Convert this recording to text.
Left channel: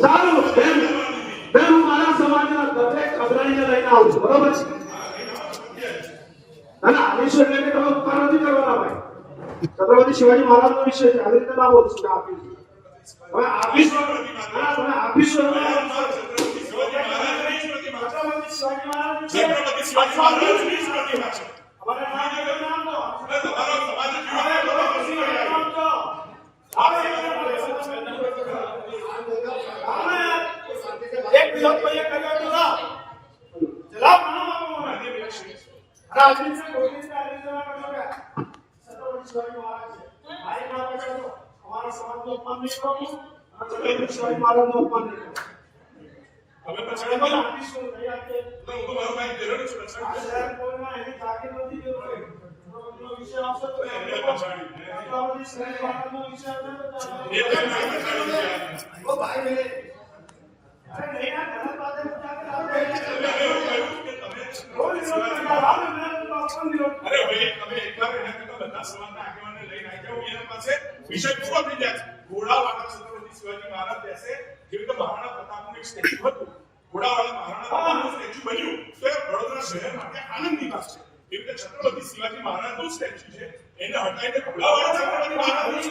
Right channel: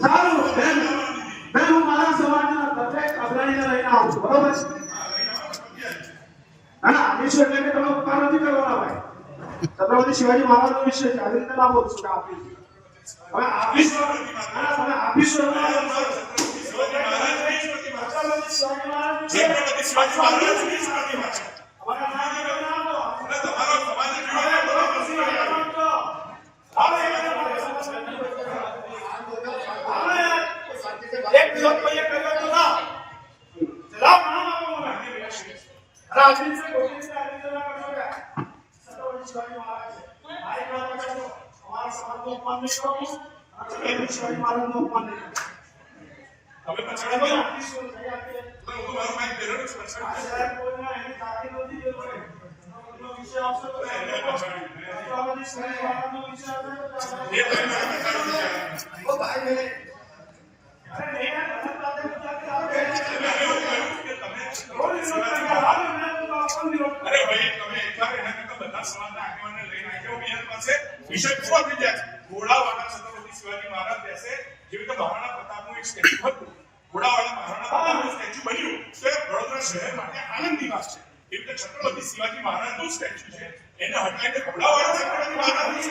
સારું બેન બેન હું મારા સમાજના દરેક અગ્રણીને લઈને આવું છું બરોબર છે ના વિશે એટલે તમે ઉપકાર નથી કરવાના ભાઈ છત્રપતિ શિવાજી મહારાજનો વિષય છે આવી રીતે ના બોલું છું આપી હવે આપીશ વિષય પૂરો થઈ જાય ઘોડાવાળા છત્રપતિ શિવાજી મહારાજ બેસે જેવી રીતે મહારાણા પ્રતાપનું એક સ્ટેચ્યુ હતું ઘોડાવાળા મહારાણા પ્રતાપનું સ્ટેચ્યુ બન્યું તો એ વડોદરા શહેર માટે આનંદની વાત છે એવી રીતે છત્રપતિ શિવાજી મહારાજનું સ્ટેચ્યુ છે એને હટાવીને ઘોડાવાળા છત્રપતિ મહારાજ